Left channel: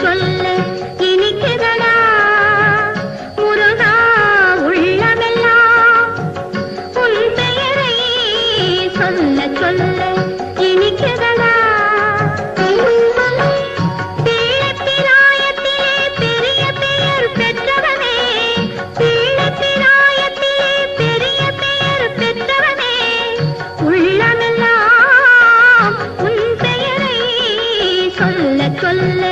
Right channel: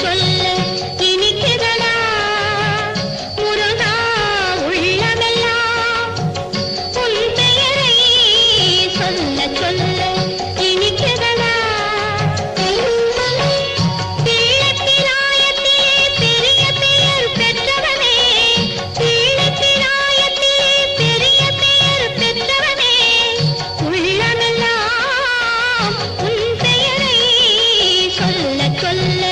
சொல்ல இனிக்கிறதா முருகா உள்ளமெல்லாம் உன் பெயரை சொல்ல சொல்ல இனிக்கிறதா தீளத்திராயத்திலே பெரிய பெயர் பெற்றவனே தீளத்திராயத்திலே பெரிய பெயர் பெற்றவனே உள்ளமெல்லாம் உன் பெயரை சொல்ல சொல்ல